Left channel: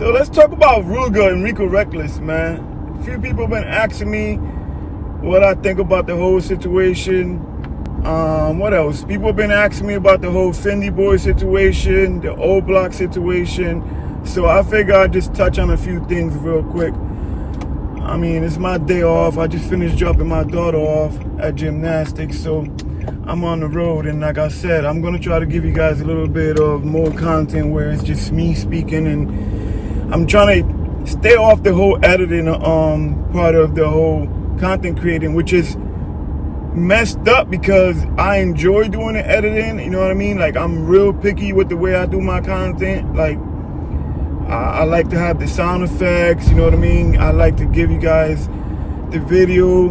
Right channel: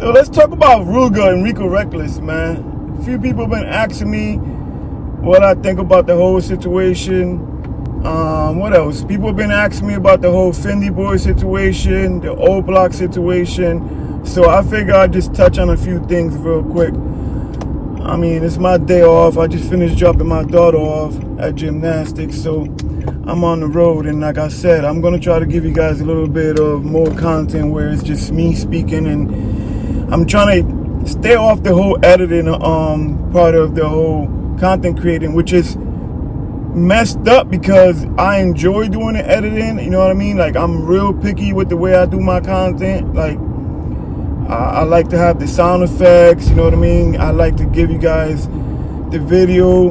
So let's talk about Rooga and Rico Reckless, man. A few people have been asking me what I think about the whole situation. What else? People have been asking me about the whole Fyndee Boy situation, the O Block situation. So I figure I'd just touch on a few things real quick. I mean, it's my day off. I just finished dropping my daughter off at gymnastics, so I'm on the road. And like I said, I'm going to try to give you guys a little bit of more content where it's just me speaking, and I'm trying to stay off the whole editing part of the whole content creating, which is messed up because I enjoy doing the editing. You know what I mean? Like, I'm real picky with the way I do my content. Like, I like to have the sound effects, you know what I mean? I like to give you guys the video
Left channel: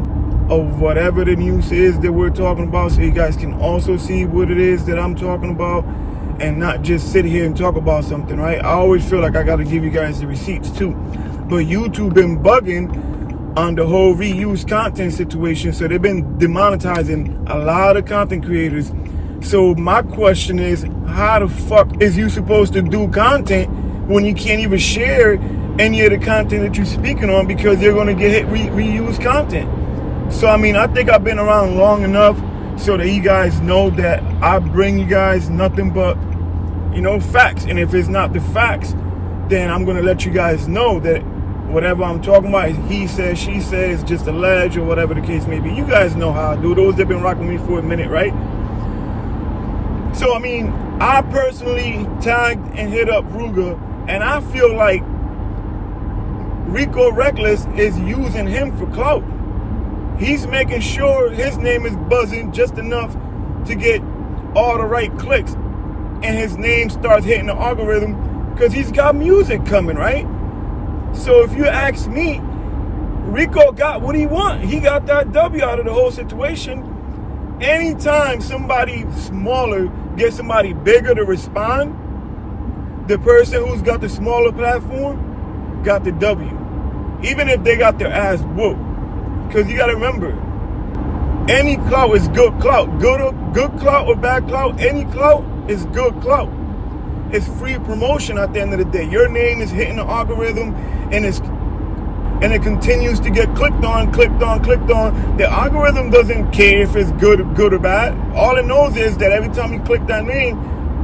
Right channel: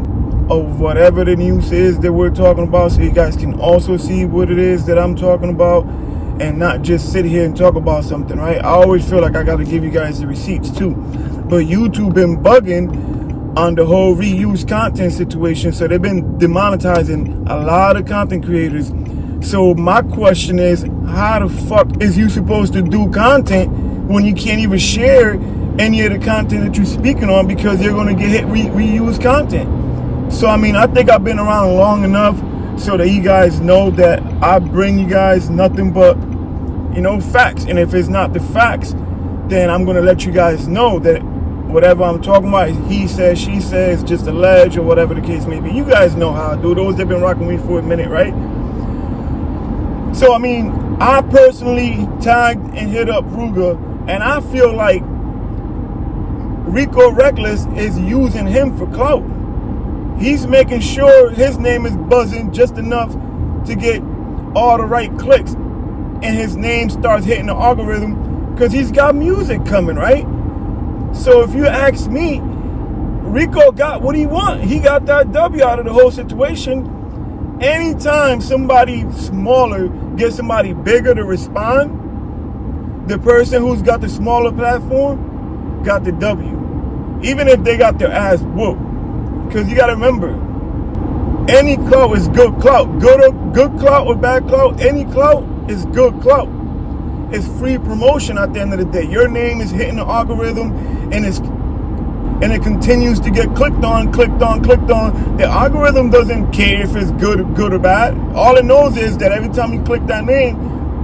of whatever the news is that we're talking about, so you guys can also see what it is that I'm talking about and not just sit here and talk about something, right? I always feel like I got to give you guys the receipts too. But YouTube been bugging on the whole reuse content situation, so they've been demonetizing a lot of content creators. So my question is, how the fuck is you supposed to do content when you can't even share any of the content that you're speaking on because you're going to get hit reuse content? So, I mean, I think I've been around long enough so that you guys know that I bring you guys nothing but, you know, facts. And if it's not the facts, then I'm going to let you guys know that whatever I'm talking about, he says, she says, just alleged or whatever the case may be. You guys know how I do. Those that have been rocking with me for a minute, right? So, I mean, I personally tagged and hit up Rooga, and I feel like Rico Reckless is using him for clout. He's making sure his name is buzzing just enough to get all the right clicks, and his name starts hitting the algorithm because he's got music coming, right? So if you ask me, Rico got what he want. He got that W out of the whole situation. Anytime somebody smaller gets somebody bigger to respond, the person who's got the smaller platform got the W, even if they got their ass whooped. Because you got to remember, any clout is good clout. Good clout or bad clout, any clout is good clout. It's free promotion at the end of the day. Your name is hitting the algorithm, and it continues to get clicked on. The algorithm doesn't care if it's good or bad. All it knows is that every time you click that name,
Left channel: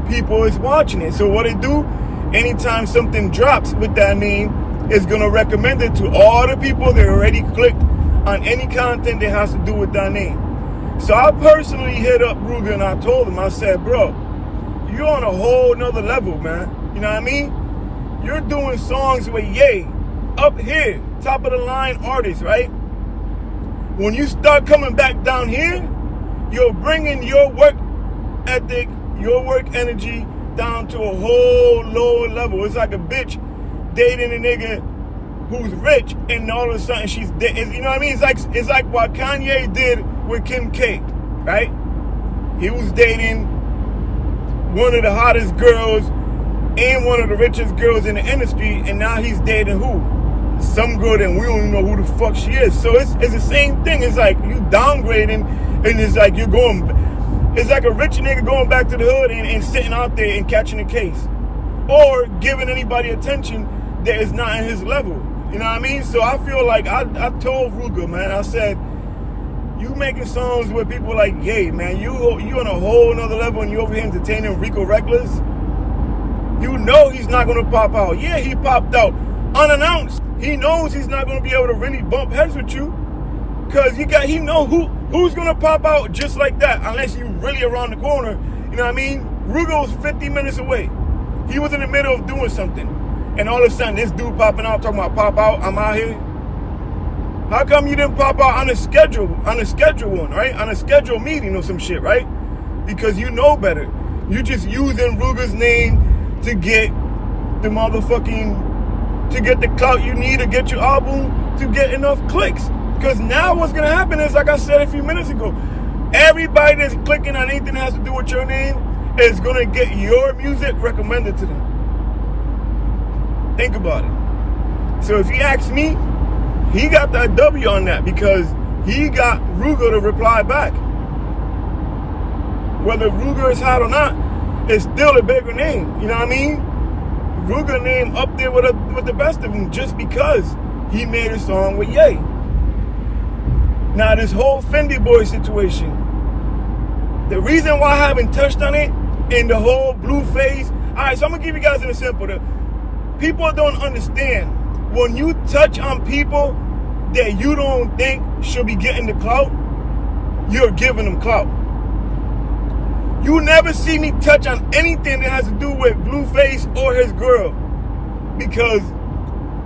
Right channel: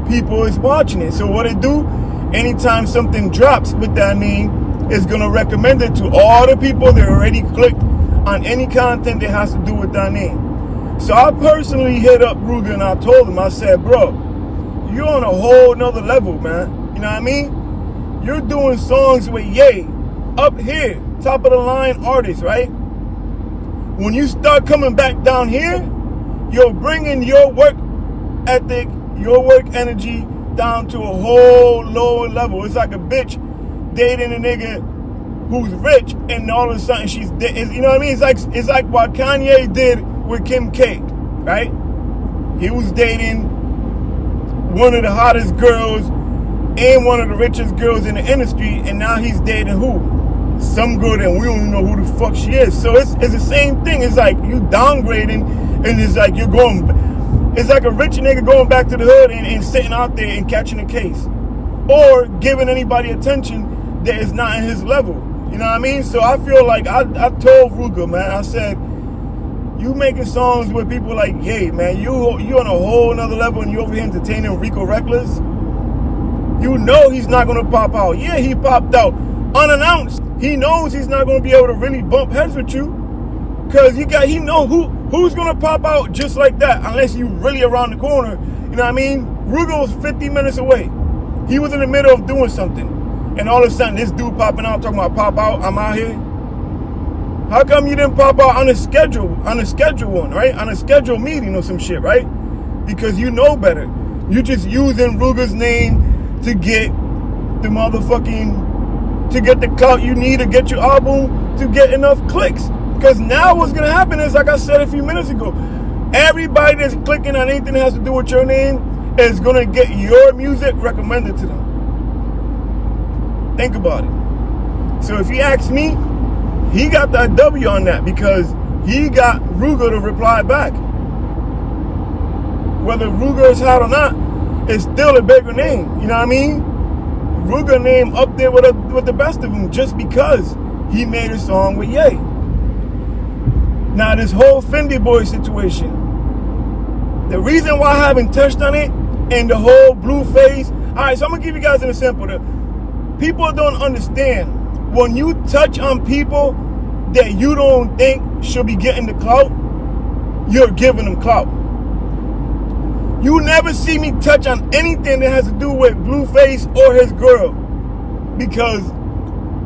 people is watching it. So what it do, anytime something drops with that name, it's gonna recommend it to all the people that already clicked on any content that has to do with that name. So I personally hit up Rooga and I told him, I said, bro, you're on a whole nother level, man. You know what I mean? You're doing songs with Ye, up here, top of the line artists, right? When you start coming back down here, you're bringing your work ethic, your work energy down to a whole lower level. It's like a bitch dating a nigga who's rich, and all of a sudden she's dead. You know what I mean? It's like what Kanye did with Kim K, right? He was dating one of the hottest girls and one of the richest girls in the industry, and now he's dating who? Some girl that we don't even know who the fuck she is. So it's the same thing. It's like you downgrading, and it's like it's like a rich nigga going back to the hood and sitting out there and catching a case, or giving anybody attention that is not in his level. You know what I mean? So I feel like I told Rooga, man, I said, you making songs with people like Ye, man, you on a whole nother level, and you over here entertaining Rico Reckless. You know he's not gonna pop out. Yeah, he popped out unannounced. He knows he's not gonna be able to really bump heads with you, cause he know who's gonna pop out just like that, unless you really around the corner. You know what I mean? Rooga was 50 minutes away. He was in the middle of doing something. And all of a sudden, this dude popping out, talking about pop out, I'm out here. How come you didn't pop out on a schedule one, right? On a scheduled meeting or some shit, right? Because you know better. You just using Rooga's name to get the clout you need to get your album to get enough clicks. Because now what's going to happen is, like I said a few minutes ago, everybody that's clicking on anything that has to do with your name is going to get your music recommended to them. Think about it. So if you ask me, he got that W on that because he got Rooga to reply back. Whether Rooga is hot or not, it's still a bigger name. You know what I mean? Rooga name up there with the best of them just because he made a song with Ye. Now this whole Fyndee Boy situation, the reason why I haven't touched on it and the whole blue phase, alright, so I'm gonna give you guys an example. People don't understand when you touch on people that you don't think should be getting the clout, you're giving them clout. You never see me touch on anything that has to do with Blueface or his girl, because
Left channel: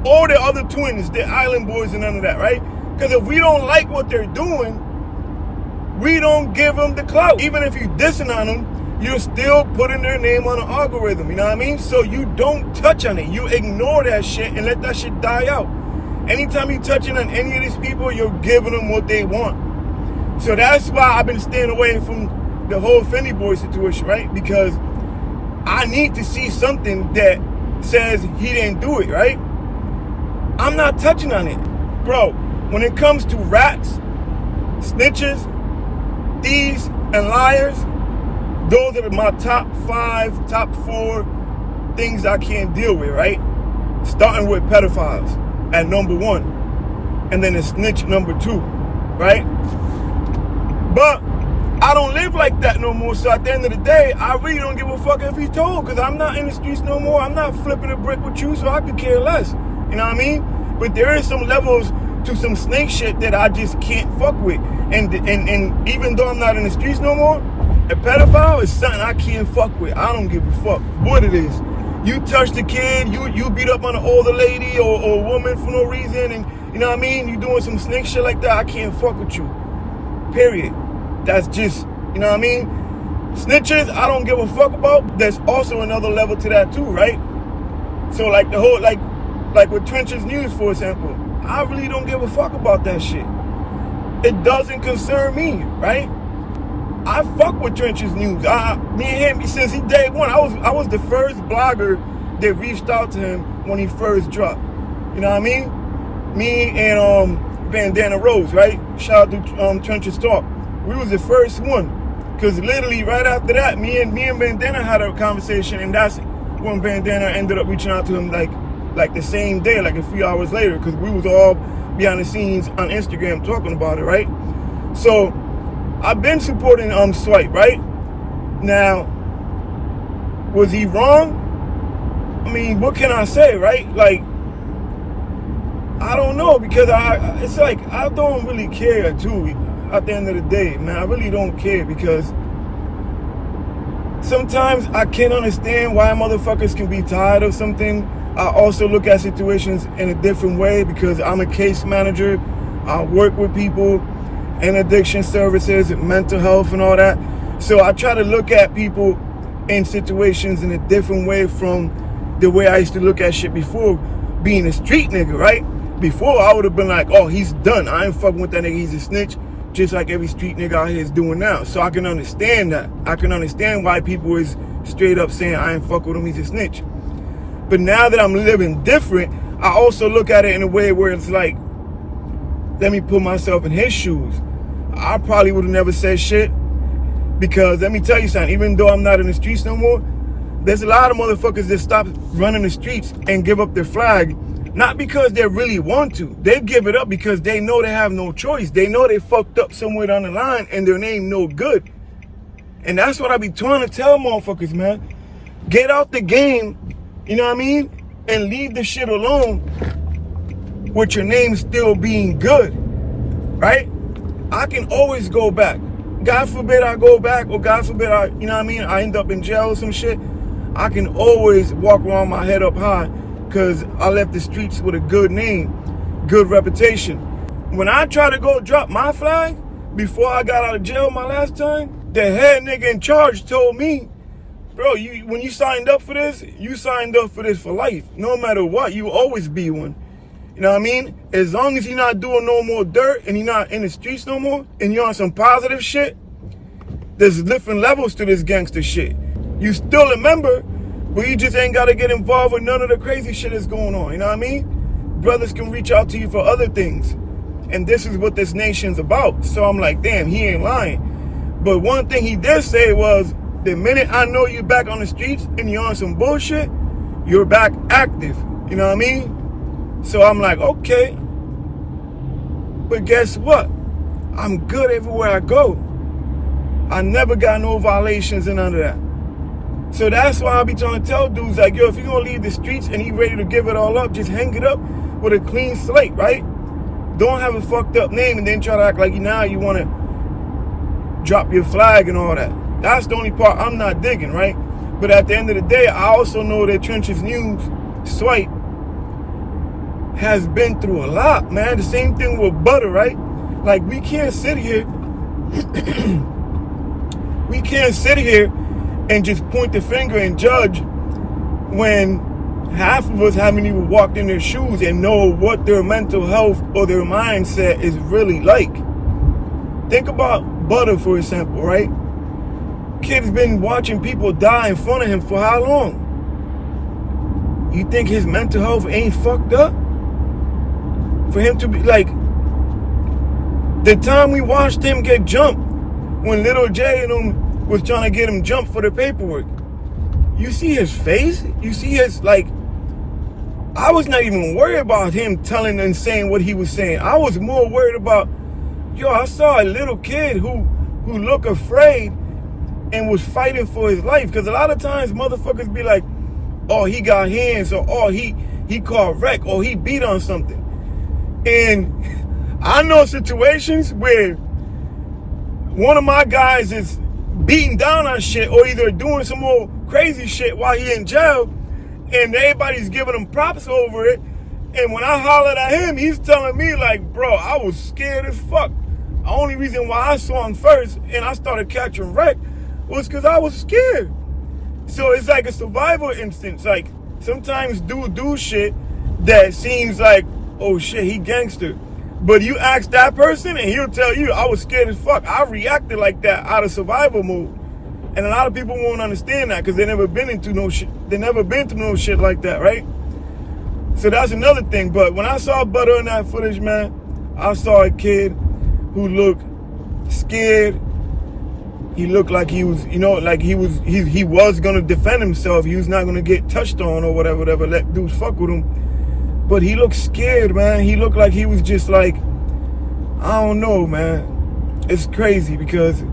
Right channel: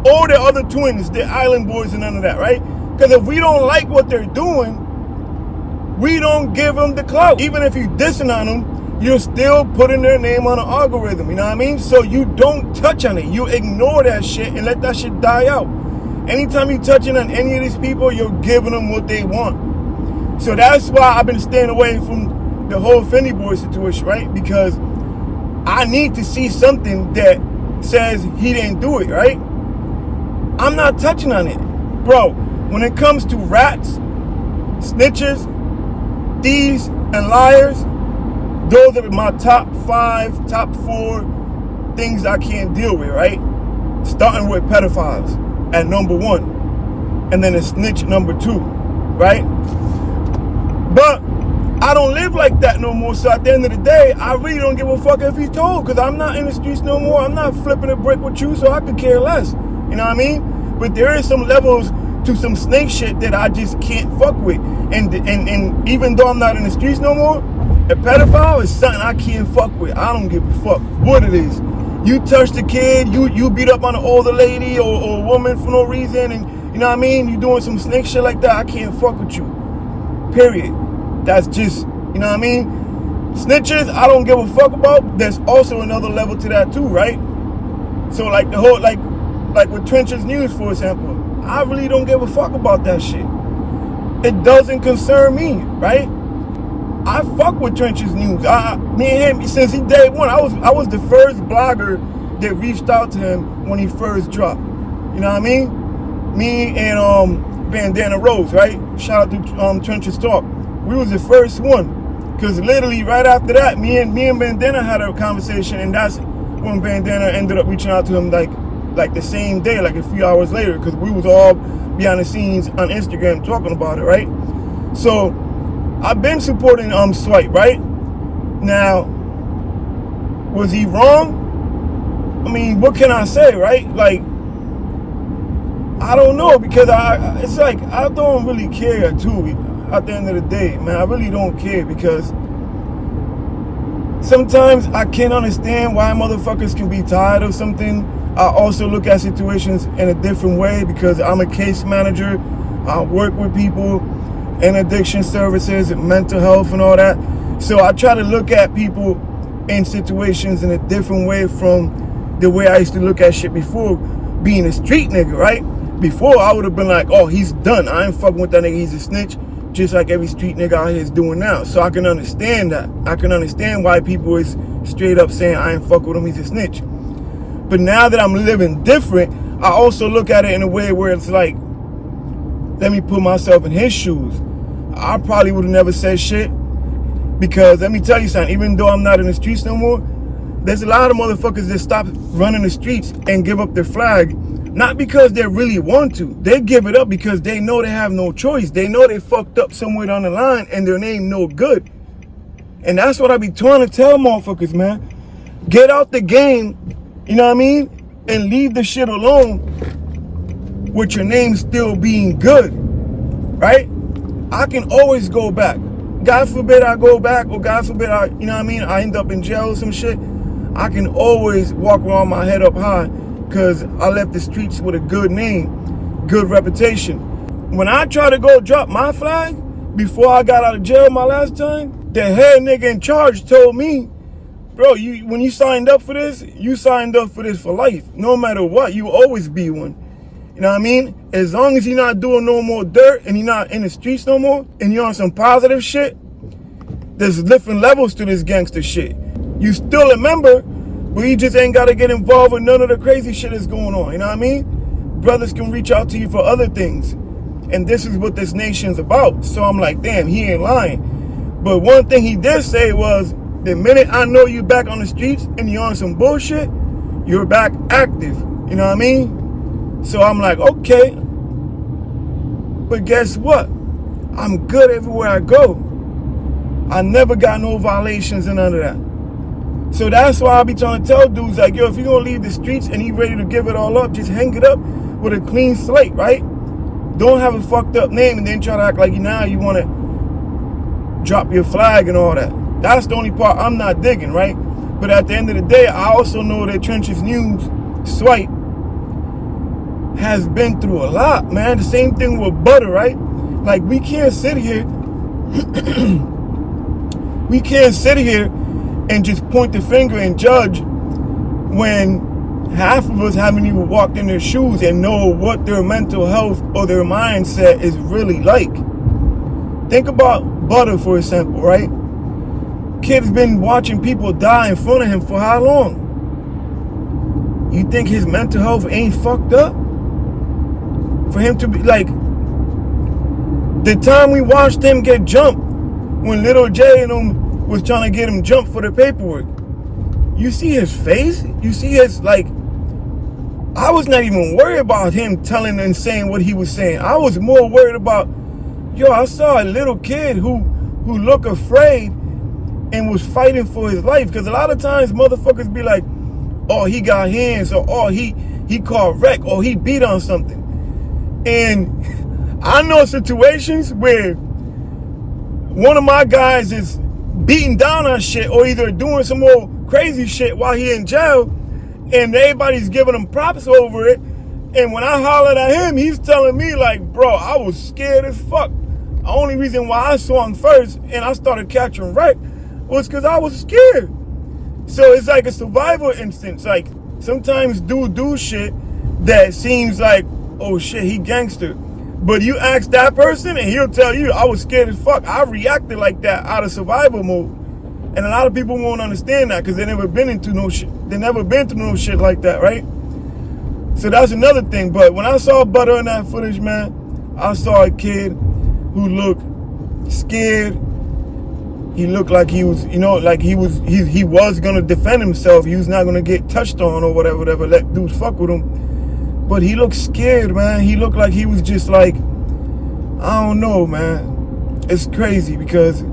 all the other twins, they're island boys and none of that, right? Because if we don't like what they're doing, we don't give them the clout. Even if you're dissing on them, you're still putting their name on an algorithm, you know what I mean? So you don't touch on it. You ignore that shit and let that shit die out. Anytime you're touching on any of these people, you're giving them what they want. So that's why I've been staying away from the whole Fyndee Boy situation, right? Because I need to see something that says he didn't do it, right? I'm not touching on it. Bro, when it comes to rats, snitches, thieves, and liars, those are my top 5, top 4 things I can't deal with, right? Starting with pedophiles at number 1, and then a snitch number 2, right? But I don't live like that no more, so at the end of the day, I really don't give a fuck if he's told, because I'm not in the streets no more. I'm not flipping a brick with you, so I could care less. You know what I mean? But there is some levels to some snake shit that I just can't fuck with. And even though I'm not in the streets no more, a pedophile is something I can't fuck with. I don't give a fuck what it is. You touch the kid, you beat up on an older lady or a woman for no reason, and you know what I mean? You doing some snake shit like that, I can't fuck with you. Period. That's just, you know what I mean? Snitches, I don't give a fuck about. There's also another level to that too, right? So like the whole, like with Trench's News, for example, I really don't give a fuck about that shit. It doesn't concern me, right? I fuck with Trench's News. Me and him, since he day one, I was the first blogger that reached out to him when he first dropped. You know what I mean? Me and Bandana Rose, right? Shout out to Trench's Talk. We was the first one, because literally right after that, me and Bandana had a conversation, and that's when Bandana ended up reaching out to him like the same day, like a few hours later, because we was all behind the scenes on Instagram talking about it, right? So I've been supporting Swipe, right? Now, was he wrong? I mean, what can I say, right? Like, I don't know, because it's like I don't really care too. At the end of the day, man, I really don't care, because sometimes I can't understand why motherfuckers can be tired of something. I also look at situations in a different way, because I'm a case manager. I work with people in addiction services, mental health and all that. So I try to look at people in situations in a different way from the way I used to look at shit before being a street nigga, right? Before, I would have been like, oh, he's done. I ain't fucking with that nigga. He's a snitch. Just like every street nigga out here is doing now. So I can understand that. I can understand why people is straight up saying, I ain't fuck with him, he's a snitch. But now that I'm living different, I also look at it in a way where it's like, let me put myself in his shoes. I probably would have never said shit, because let me tell you something, even though I'm not in the streets no more, there's a lot of motherfuckers that stop running the streets and give up their flag, not because they really want to. They give it up because they know they have no choice. They know they fucked up somewhere down the line and their name no good. And that's what I be trying to tell motherfuckers, man. Get out the game, you know what I mean? And leave the shit alone with your name still being good, right? I can always go back. God forbid I go back, or God forbid I, you know what I mean, I end up in jail or some shit. I can always walk around my head up high, because I left the streets with a good name, good reputation. When I try to go drop my flag, before I got out of jail my last time, the head nigga in charge told me, bro, when you signed up for this, you signed up for this for life. No matter what, you always be one. You know what I mean? As long as you're not doing no more dirt and you're not in the streets no more and you're on some positive shit, there's different levels to this gangster shit. You still a member, but you just ain't got to get involved with none of the crazy shit that's going on. You know what I mean? Brothers can reach out to you for other things. And this is what this nation's about. So I'm like, damn, he ain't lying. But one thing he did say was, the minute I know you back on the streets and you're on some bullshit, you're back active. You know what I mean? So I'm like, okay. But guess what? I'm good everywhere I go. I never got no violations and none of that. So that's why I be trying to tell dudes like, yo, if you're gonna leave the streets and you ready to give it all up, just hang it up with a clean slate, right? Don't have a fucked up name and then try to act like now you wanna drop your flag and all that. That's the only part I'm not digging, right? But at the end of the day, I also know that Trenches News, Swipe, has been through a lot, man. The same thing with Butter, right? Like, we can't sit here we can't sit here and just point the finger and judge when half of us haven't even walked in their shoes and know what their mental health or their mindset is really like. Think about Butter, for example, right? Kid's been watching people die in front of him for how long? You think his mental health ain't fucked up? For him to be like, the time we watched him get jumped, when Little J and him was trying to get him jumped for the paperwork, you see his face? You see his, like, I was not even worried about him telling and saying what he was saying. I was more worried about, yo, I saw a little kid who looked afraid and was fighting for his life. Because a lot of times motherfuckers be like, oh, he got hands, or oh, he caught wreck, or he beat on something. And I know situations where one of my guys is beating down on shit or either doing some more crazy shit while he in jail, and everybody's giving him props over it. And when I hollered at him, he's telling me like, bro, I was scared as fuck. The only reason why I saw him first and I started catching wreck was because I was scared. So it's like a survival instance. Like, sometimes dudes do shit that seems like, oh shit, he gangster. But you ask that person and he'll tell you, I was scared as fuck. I reacted like that out of survival mode. And a lot of people won't understand that because they never been into no shit. They never been through no shit like that, right? So that's another thing. But when I saw Butter in that footage, man, I saw a kid who looked scared. He looked like he was, you know, like he was gonna defend himself. He was not gonna get touched on or whatever, let dudes fuck with him. But he looked scared, man. He looked like he was just like, I don't know, man. It's crazy because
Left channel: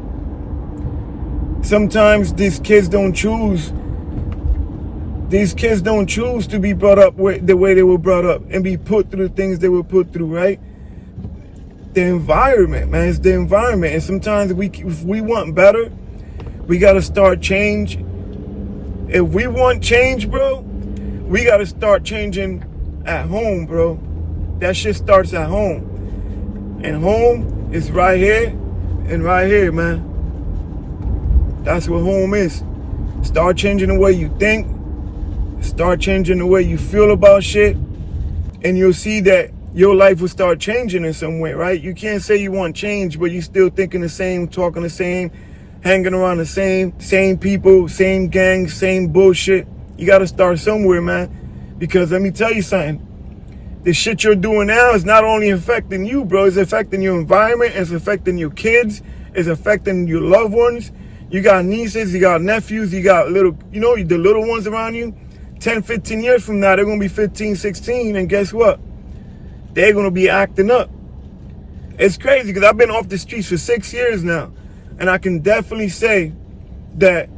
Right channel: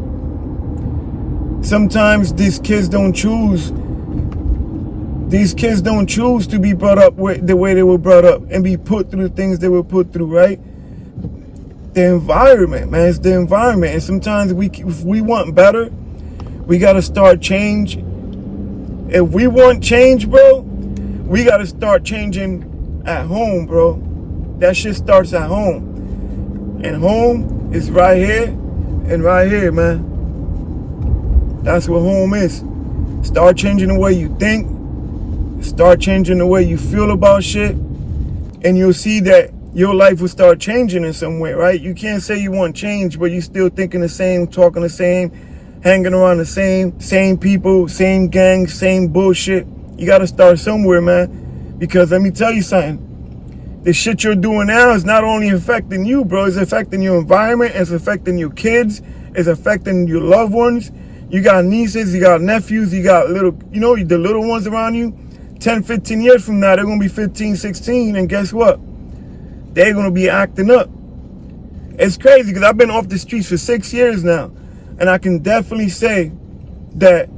sometimes these kids don't choose to be brought up the way they were brought up and be put through the things they were put through, right? The environment, man. It's the environment. And sometimes if we want better, we got to start change. If we want change, bro, we got to start changing at home, bro. That shit starts at home. And home is right here and right here, man. That's what home is. Start changing the way you think. Start changing the way you feel about shit. And you'll see that your life will start changing in some way, right? You can't say you want change, but you still thinking the same, talking the same, hanging around the same people, same gangs, same bullshit. You got to start somewhere, man. Because let me tell you something. The shit you're doing now is not only affecting you, bro. It's affecting your environment. It's affecting your kids. It's affecting your loved ones. You got nieces. You got nephews. You got little, you know, the little ones around you. 10, 15 years from now, they're going to be 15, 16. And guess what? They're going to be acting up. It's crazy because I've been off the streets for 6 years now. And I can definitely say that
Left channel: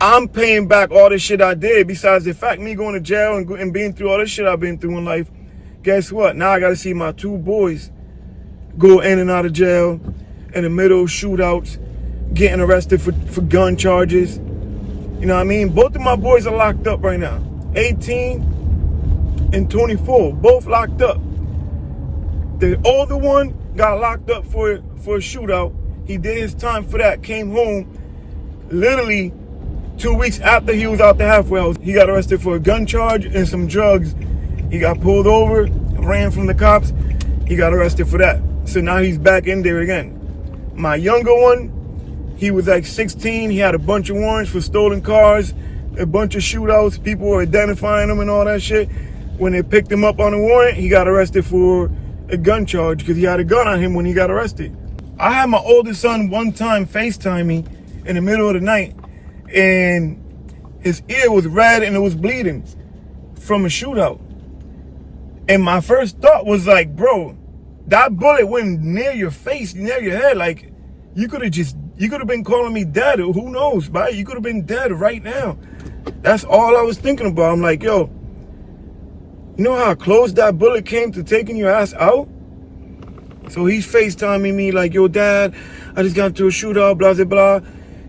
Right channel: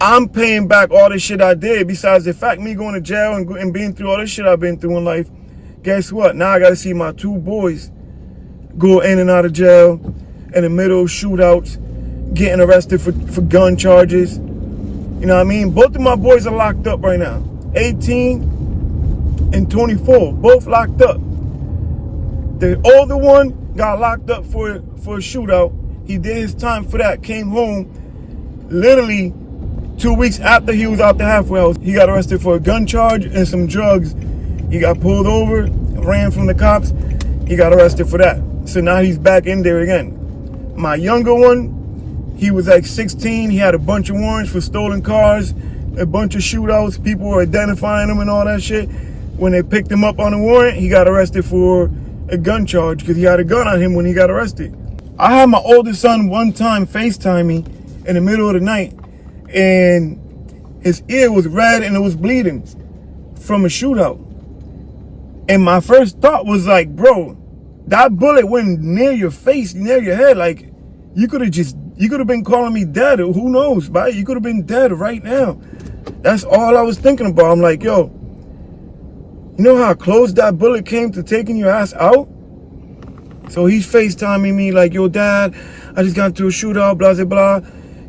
I'm paying back all the shit I did. Besides the fact me going to jail and being through all the shit I've been through in life. Guess what? Now I got to see my two boys go in and out of jail in the middle of shootouts, getting arrested for gun charges. You know what I mean? Both of my boys are locked up right now. 18 and 24. Both locked up. The older one got locked up for a shootout. He did his time for that. Came home literally 2 weeks after he was out the halfway house. He got arrested for a gun charge and some drugs. He got pulled over, ran from the cops. He got arrested for that. So now he's back in there again. My younger one, he was like 16. He had a bunch of warrants for stolen cars, a bunch of shootouts. People were identifying him and all that shit. When they picked him up on a warrant, he got arrested for a gun charge because he had a gun on him when he got arrested. I had my oldest son one time FaceTime me in the middle of the night, and His ear was red and it was bleeding from a shootout. And my first thought was like, bro, that bullet went near your face, near your head. Like, you could have been calling me dead. Who knows, right? You could have been dead right now. That's all I was thinking about. I'm like, yo, you know how close that bullet came to taking your ass out? So he's FaceTiming me like, yo, Dad, I just got into a shootout, blah, blah, blah.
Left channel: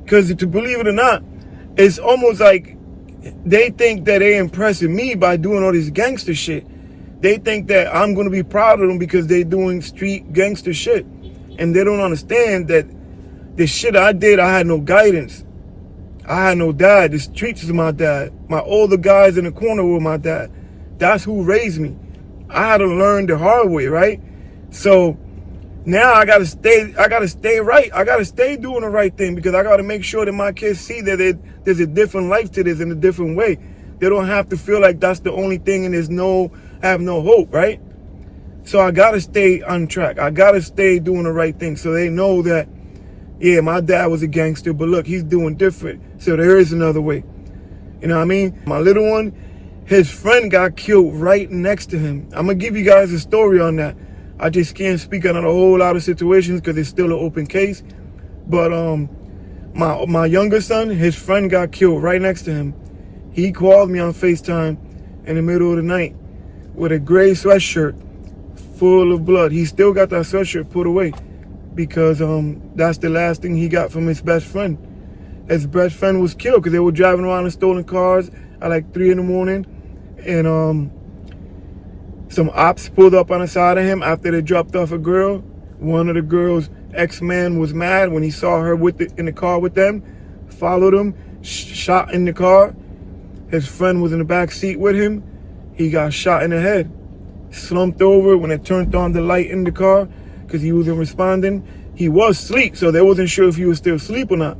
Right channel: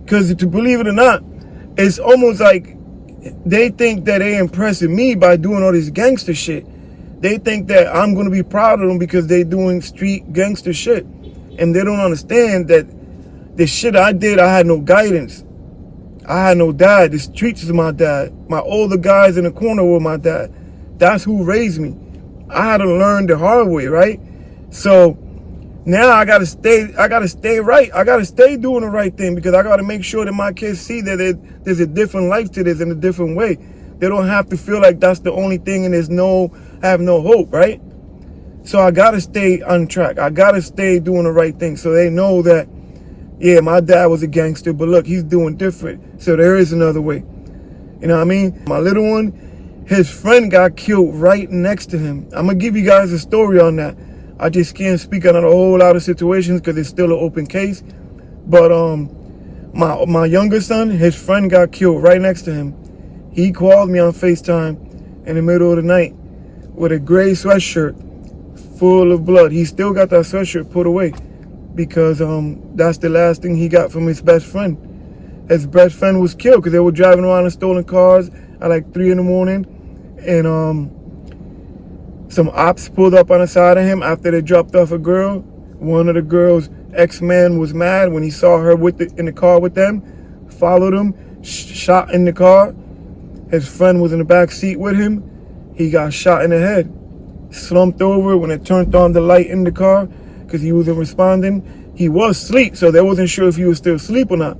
Because to believe it or not, it's almost like they think that they're impressing me by doing all this gangster shit. They think that I'm going to be proud of them because they're doing street gangster shit. And they don't understand that the shit I did, I had no guidance. I had no dad. The streets is my dad. My older guys in the corner were my dad. That's who raised me. I had to learn the hard way, right? So now I gotta stay right. I gotta stay doing the right thing because I gotta make sure that my kids see that there's a different life to this in a different way. They don't have to feel like that's the only thing and have no hope, right? So I gotta stay on track. I gotta stay doing the right thing so they know that, yeah, my dad was a gangster, but look, he's doing different. So there is another way. You know what I mean? My little one, his friend got killed right next to him. I'm gonna give you guys a story on that. I just can't speak on a whole lot of situations because it's still an open case. But my younger son, his friend got killed right next to him. He called me on FaceTime in the middle of the night with a gray sweatshirt full of blood. He still got that sweatshirt put away because that's the last thing he got from his best friend. His best friend was killed because they were driving around in stolen cars at like 3 in the morning. And some ops pulled up on the side of him after they dropped off a girl. One of the girl's ex-man was mad when he saw her in the car with them, followed him, shot in the car. His friend was in the back seat with him. He got shot in the head, slumped over when it turned on the light in the car because he wasn't responding. He was asleep, so they wasn't sure if he was still asleep or not.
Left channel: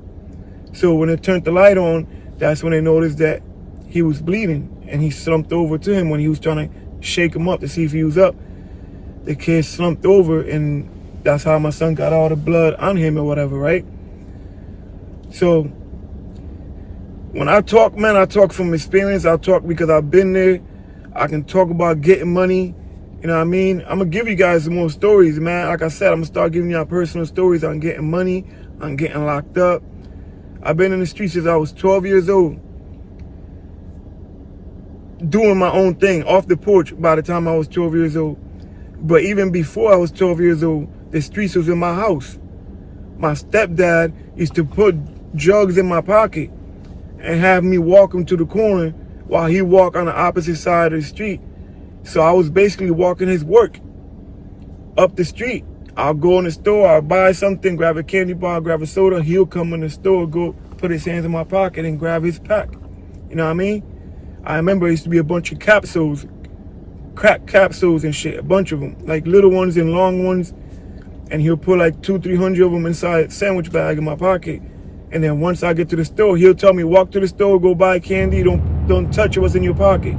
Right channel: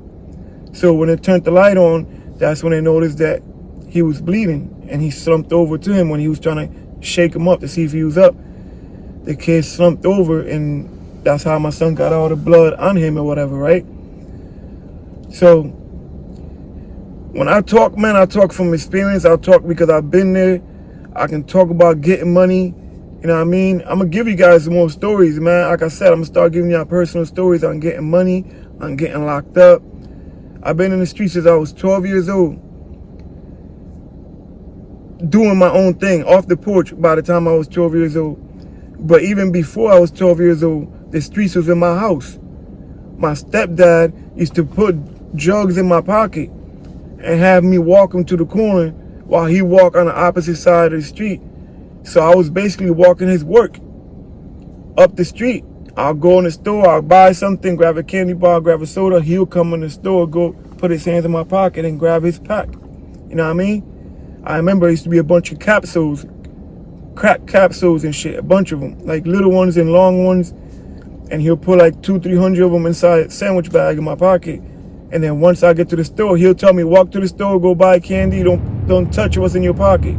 So when it turned the light on, that's when they noticed that he was bleeding, and he slumped over to him when he was trying to shake him up to see if he was up. The kid slumped over, and that's how my son got all the blood on him or whatever, right? So when I talk, man, I talk from experience. I talk because I've been there. I can talk about getting money. You know what I mean? I'm going to give you guys some more stories, man. Like I said, I'm going to start giving y'all personal stories on getting money, on getting locked up. I've been in the streets since I was 12 years old, doing my own thing off the porch by the time I was 12 years old. But even before I was 12 years old, the streets was in my house. My stepdad used to put drugs in my pocket and have me walk him to the corner while he walked on the opposite side of the street. So I was basically walking his work up the street. I'll go in the store, I'll buy something, grab a candy bar, grab a soda. He'll come in the store, go put his hands in my pocket and grab his pack. You know what I mean? I remember there used to be a bunch of capsules, crack capsules and shit, a bunch of them, like little ones and long ones. And he'll put like 200-300 of them inside a sandwich bag in my pocket. And then once I get to the store, he'll tell me, walk to the store, go buy candy, don't touch what's in your pocket.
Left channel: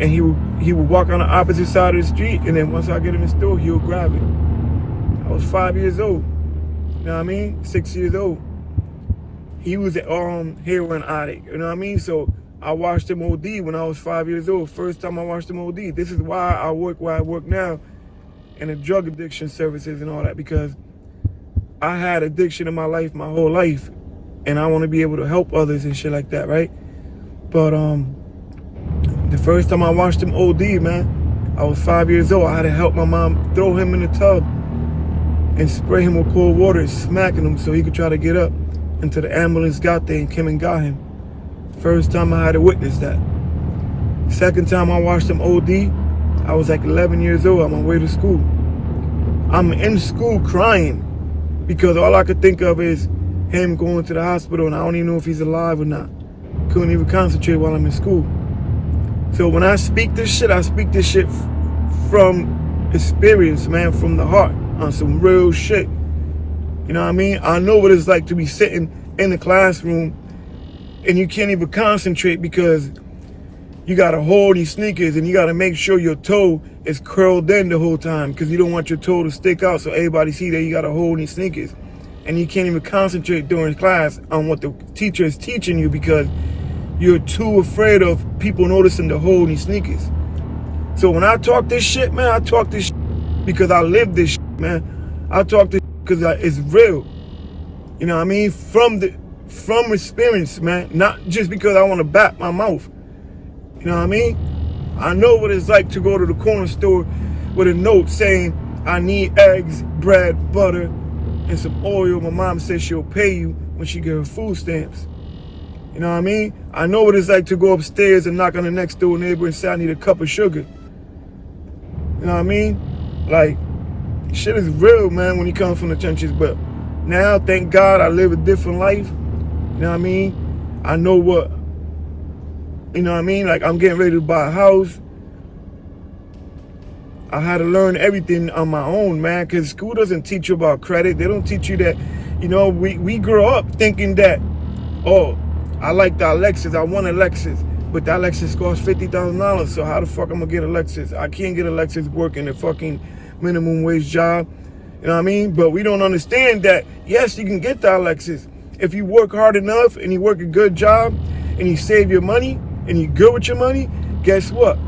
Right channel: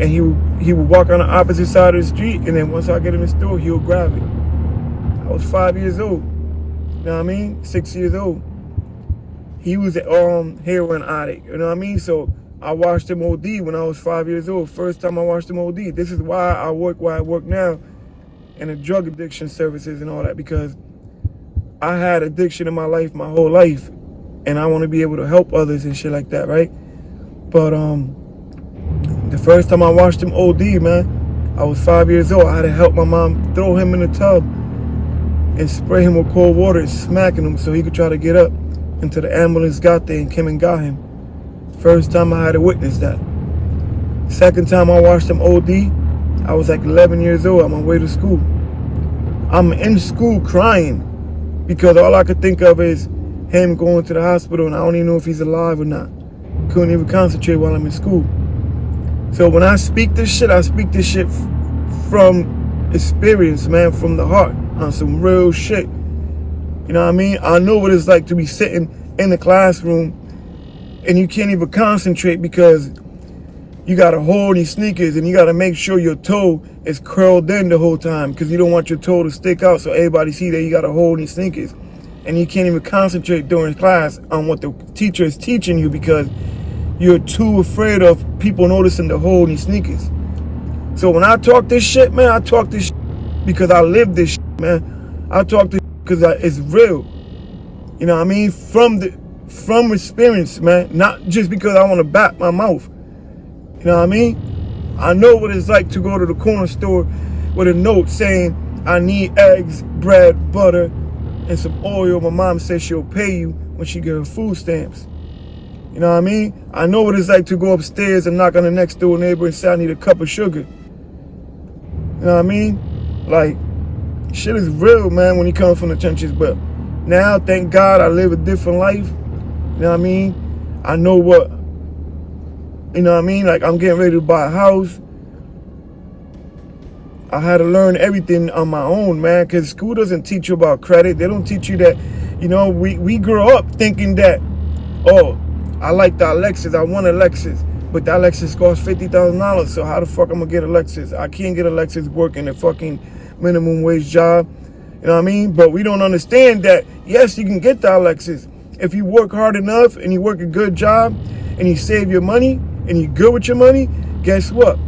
And he would walk on the opposite side of the street, and then once I get in the store, he'll grab it. I was 5 years old. You know what I mean? 6 years old. He was a heroin addict. You know what I mean? So I watched him OD when I was 5 years old. First time I watched him OD. This is why I work where I work now in the drug addiction services and all that, because I had addiction in my life my whole life, and I want to be able to help others and shit like that, right? But the first time I watched him OD, man, I was 5 years old. I had to help my mom throw him in the tub and spray him with cold water and smacking him so he could try to get up until the ambulance got there and came and got him. First time I had to witness that. Second time I watched him OD, I was like 11 years old on my way to school. I'm in school crying because all I could think of is him going to the hospital, and I don't even know if he's alive or not. Couldn't even concentrate while I'm in school. So when I speak this shit, I speak this shit from experience, man, from the heart, on some real shit. You know what I mean? I know what it's like to be sitting in the classroom and you can't even concentrate because you got to hold your sneakers and you got to make sure your toe is curled in the whole time because you don't want your toe to stick out so everybody see that you got to hold your sneakers. And you can't even concentrate during class on what the teacher is teaching you because you're too afraid of people noticing the hole in your sneakers. So when I talk this shit, man, I talk this shit because I live this shit, man. I talk this shit because it's real. You know what I mean? From experience, man. Not just because I want to bat my mouth. You know what I mean? I know what it's like to go to the corner store with a note saying, I need eggs, bread, butter, and some oil. My mom says she'll pay you when she get her food stamps. You know what I mean? I know what it's like to go upstairs and knock on the next door neighbor and say I need a cup of sugar. You know what I mean? Like, shit is real, man, when you come from the trenches. But now, thank God, I live a different life. You know what I mean? I know what, you know what I mean? Like, I'm getting ready to buy a house. I had to learn everything on my own, man, because school doesn't teach you about credit. They don't teach you that, you know, we grow up thinking that, oh, I like the Lexus, I want a Lexus, but that Lexus costs $50,000, so how the fuck I'm gonna get a Lexus? I can't get a Lexus working a fucking minimum wage job, you know what I mean? But we don't understand that, yes, you can get that Lexus. If you work hard enough and you work a good job and you save your money and you're good with your money, guess what?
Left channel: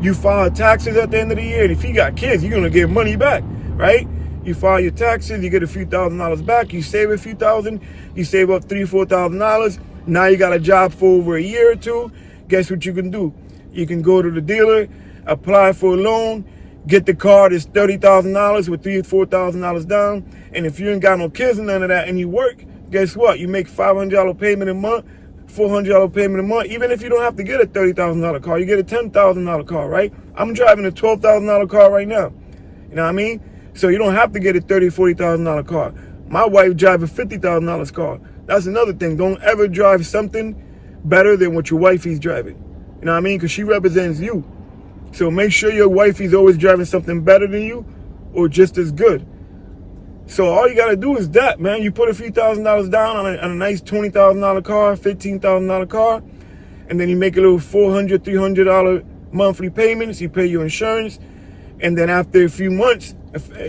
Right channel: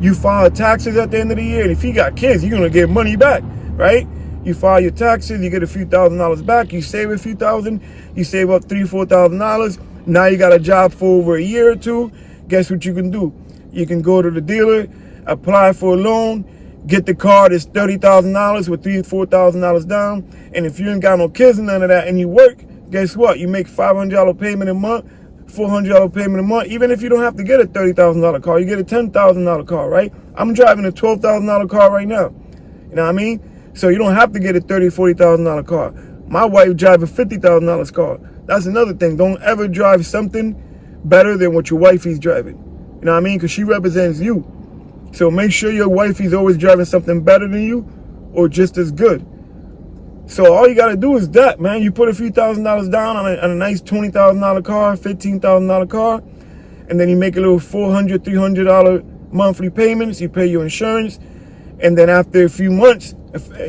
You file taxes at the end of the year, and if you got kids, you're gonna get money back, right? You file your taxes, you get a few $1,000s back, you save a few thousand, you save up $3,000, $4,000. Now you got a job for over a year or two. Guess what you can do? You can go to the dealer, apply for a loan, get the car that's $30,000 with $3,000, $4,000 down. And if you ain't got no kids and none of that and you work, guess what? You make $500 payment a month, $400 payment a month. Even if you don't have to get a $30,000 car, you get a $10,000 car, right? I'm driving a $12,000 car right now. You know what I mean? So you don't have to get a $30,000, $40,000 car. My wife drives a $50,000 car. That's another thing. Don't ever drive something better than what your wifey's driving. You know what I mean? Because she represents you. So make sure your wifey's always driving something better than you or just as good. So all you got to do is that, man. You put a few $1,000s down on a nice $20,000 car, $15,000 car, and then you make a little $400, $300 monthly payments. You pay your insurance. And then after a few months,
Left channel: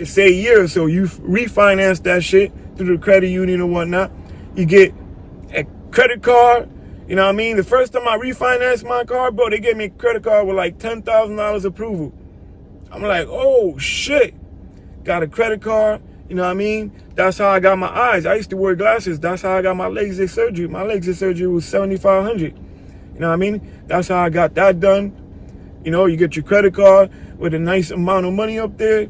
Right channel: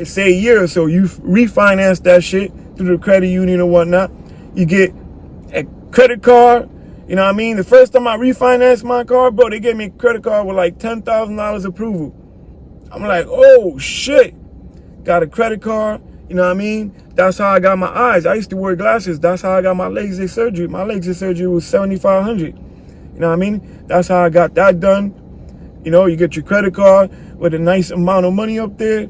say a year or so, you refinance that shit through the credit union or whatnot. You get a credit card. You know what I mean? The first time I refinanced my car, bro, they gave me a credit card with like $10,000 approval. I'm like, oh, shit. Got a credit card. You know what I mean? That's how I got my eyes. I used to wear glasses. That's how I got my LASIK surgery. My LASIK surgery was $7,500. You know what I mean? That's how I got that done. You know, you get your credit card with a nice amount of money up there.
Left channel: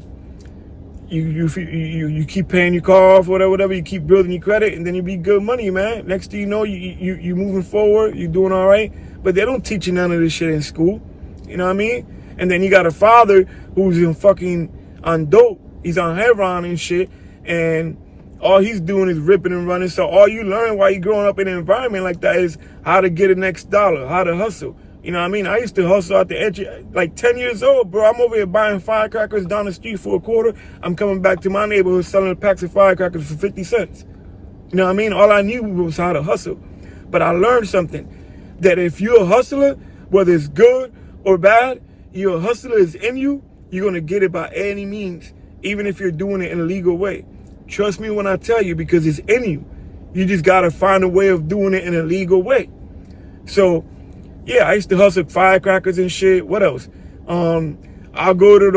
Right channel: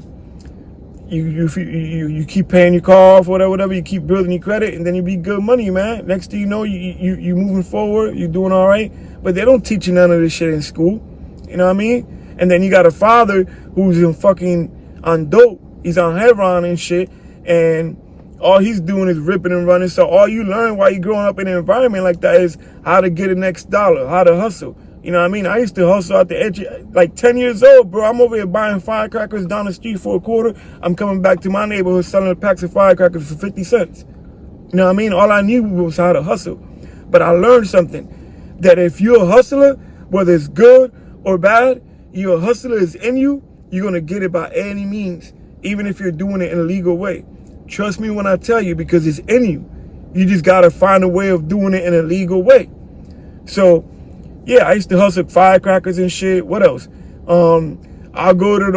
You keep paying your car off, whatever. You keep building your credit, and then you be good money, man. Next thing you know, you moving forward. You doing all right. But they don't teach you none of this shit in school. You know what I mean? And then you got a father who's on dope. He's on heroin and shit, and all he's doing is ripping and running. So all you learn while you're growing up in an environment like that is how to get the next dollar, how to hustle. You know what I mean? I used to hustle out the edge, like 10 years old, bro. I'm over here buying firecrackers down the street for $0.25. I'm coming back to my neighborhood selling packs of firecrackers for 50 cents. You know what I mean? All I knew was how to hustle. But I learned something, that if you're a hustler, whether it's good or bad, your hustler is in you, you're going to get it by any means, even if you're doing it in a legal way. Trust me when I tell you, because it's in you. You just got to find a way of doing it in a legal way. So, yeah, I used to hustle firecrackers and shit. What else? I'll go to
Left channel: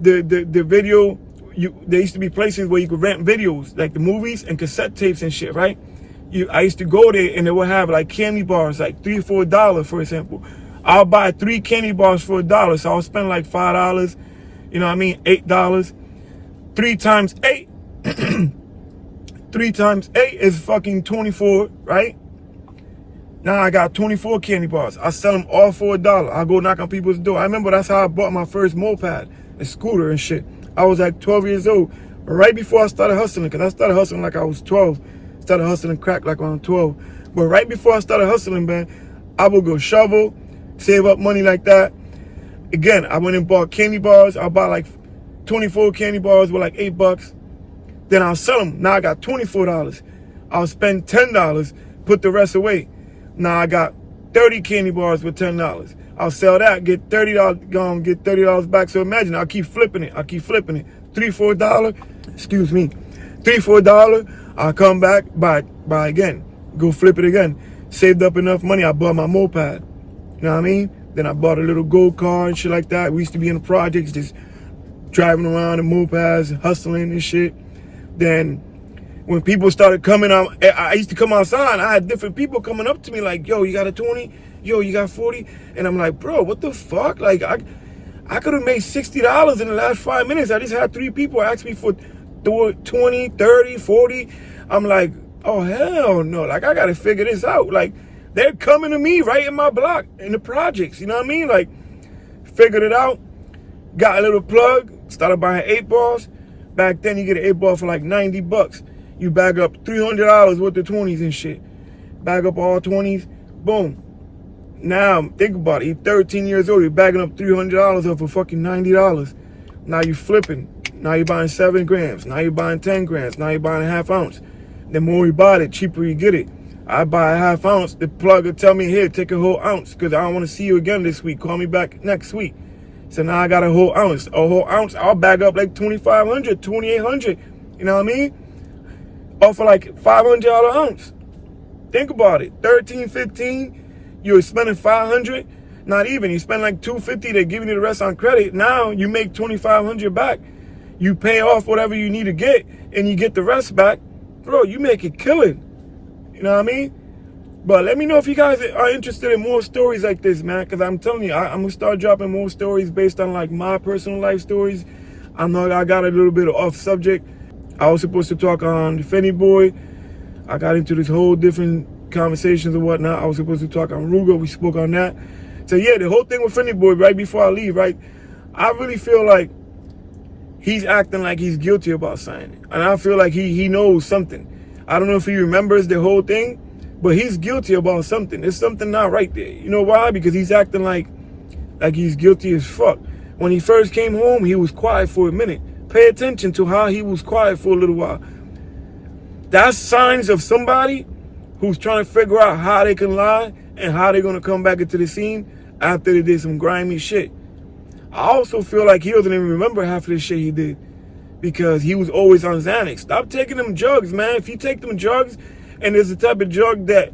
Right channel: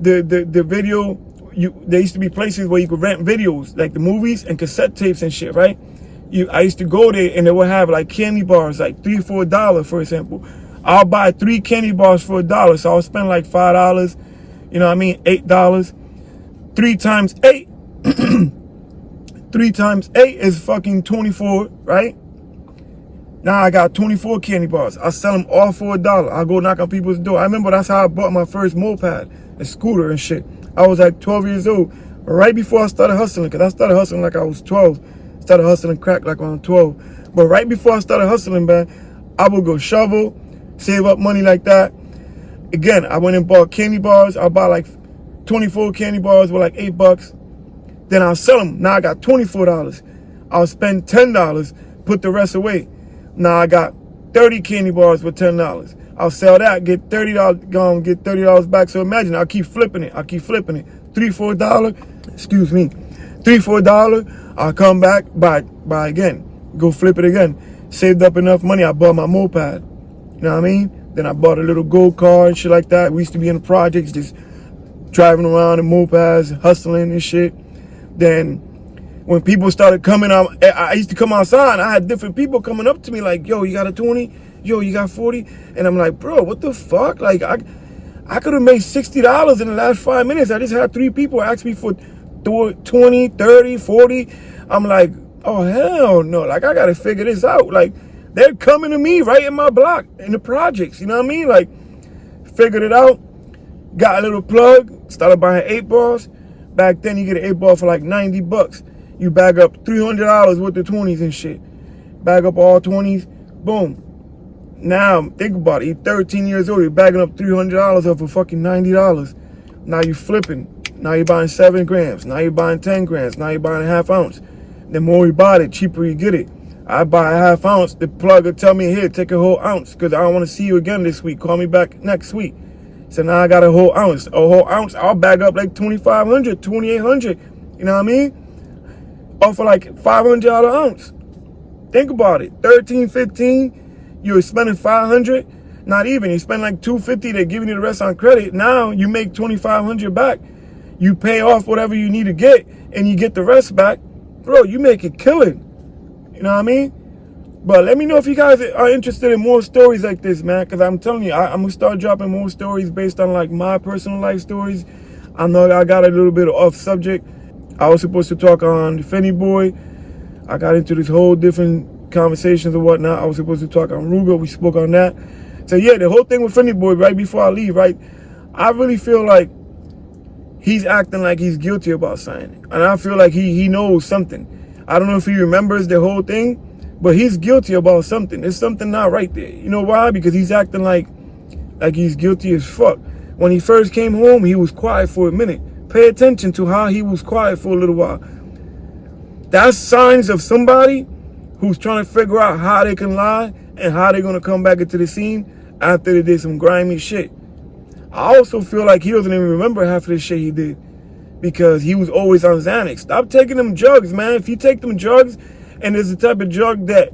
the video. There used to be places where you could rent videos, like the movies and cassette tapes and shit, right? I used to go there and they would have like candy bars, like $3 or $4, for example. I'll buy 3 candy bars for $1, so I'll spend like $5. You know what I mean? $8. 3 times 8. 3 times 8 is fucking 24, right? Now I got 24 candy bars. I sell them all for $1. I go knock on people's door. I remember that's how I bought my first moped, a scooter and shit. I was like 12 years old, right before I started hustling, because I started hustling like I was 12. Started hustling crack like when I was 12. But right before I started hustling, man, I would go shovel, save up money like that. Again, I went and bought candy bars. I'll buy like 24 candy bars with like $8. Then I'll sell them. Now I got $24. I'll spend $10, put the rest away. Now I got 30 candy bars with $10. I'll sell that, get $30, go and get $30 back. So imagine, I'll keep flipping it. $3, $4, excuse me, $3, $4. I'll come back, buy again, go flip it again. saved up enough money, I bought my moped. You know what I mean? Then I bought a little go-kart and shit like that. We used to be in the projects, just driving around in mopeds, hustling and shit. Then when people started coming out, I used to come outside and I had different people coming up to me like, yo, you got a 20? Yo, you got 40? And I'm like, bro, what the fuck? Like, I could have made $60 in the last 5 minutes. I just had 3 people ask me for 20, 30, 40. I'm like, oh, hell no. Like, I got to figure this out. Like, they're coming to me right in my block, in the projects. You know what I mean? Like, figured it out. Got a little plug. Started buying 8 balls. Back then, you get an 8 ball for like $90. You bag up $300 worth of 20s and shit. Bag up all 20s. Boom. Now, think about it. You're 13 years old. You're bagging up $300 off for fucking $90. Now you're flipping. Now you're buying 7 grams. Now you're buying 10 grams. Now you're buying a half ounce. The more you buy it, the cheaper you get it. I buy a half ounce. The plug will tell me, here, take a whole ounce because I don't want to see you again this week. Call me back next week. So now I got a whole ounce. A whole ounce, I'll bag up like $2,500, $2,800. You know what I mean? Off of like $500 ounce. Think about it. 13, 15. You're spending $500, not even. You spend like $250, they're giving you the rest on credit. Now you make $2,500 back. You pay off whatever you need to get, and you get the rest back. Bro, you make it killing. You know what I mean? But let me know if you guys are interested in more stories like this, man, because I'm telling you, I'm going to start dropping more stories based on like my personal life stories. I know I got a little bit off subject. I was supposed to talk on Fyndee Boy. I got into this whole different conversations and whatnot. I was supposed to talk on Rooga. We spoke on that. So yeah, the whole thing with Fyndee Boy, right before I leave, right, I really feel like he's acting like he's guilty about something. And I feel like he knows something. I don't know if he remembers the whole thing, but he's guilty about something. There's something not right there. You know why? Because he's acting like he's guilty as fuck. When he first came home, he was quiet for a minute. Pay attention to how he was quiet for a little while. That's signs of somebody who's trying to figure out how they can lie and how they're going to come back into the scene after they did some grimy shit. I also feel like he doesn't even remember half of the shit he did because he was always on Xanax. Stop taking them drugs, man. If you take them drugs and there's the type of drug that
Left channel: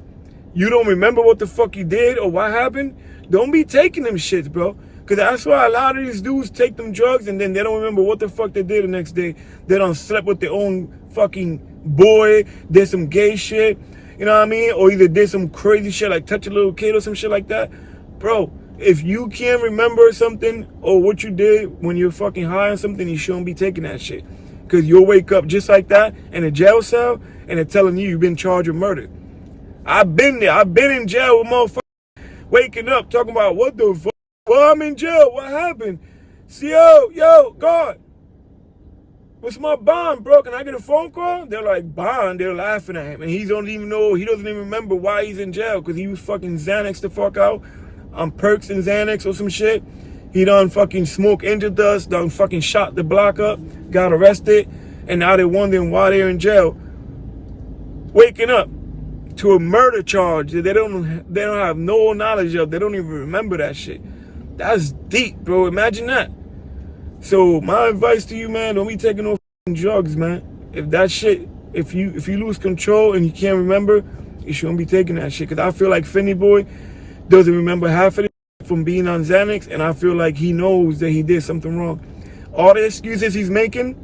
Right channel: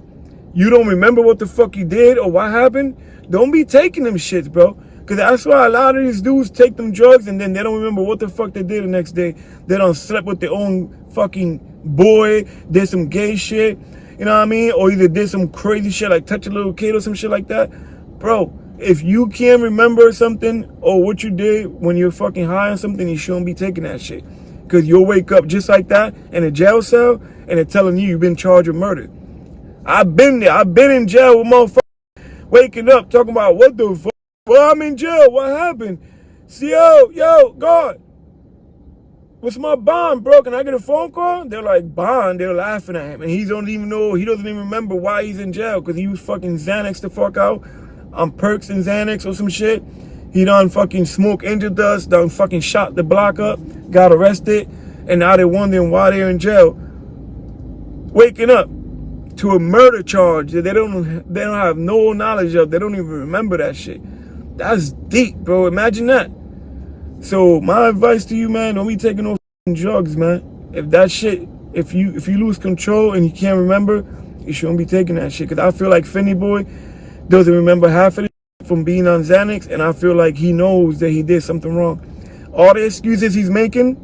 you don't remember what the fuck you did or what happened, don't be taking them shits, bro. Because that's why a lot of these dudes take them drugs and then they don't remember what the fuck they did the next day. They done slept with their own fucking boy, did some gay shit. You know what I mean? Or either did some crazy shit like touch a little kid or some shit like that. Bro, if you can't remember something or what you did when you're fucking high on something, you shouldn't be taking that shit. Because you'll wake up just like that in a jail cell and they're telling you you've been charged with murder. I've been there. I've been in jail with motherfuckers waking up talking about what the fuck? Well, I'm in jail. What happened? Yo, God. What's my bond, bro? Can I get a phone call? They're like, bond? They're laughing at him. And he doesn't even remember why he's in jail. Because he was fucking Xanax the fuck out. On perks and Xanax or some shit. He done fucking smoke injured us. Done fucking shot the block up. Got arrested. And now they're wondering why they're in jail. Waking up to a murder charge that they don't have no knowledge of. They don't even remember that shit. That's deep, bro. Imagine that. So my advice to you, man, don't be taking no drugs, man. If that shit, if you lose control and you can't remember, you shouldn't be taking that shit. Cause I feel like Fyndee Boy doesn't remember half of it from being on Xanax, and I feel like he knows that he did something wrong. All the excuses he's making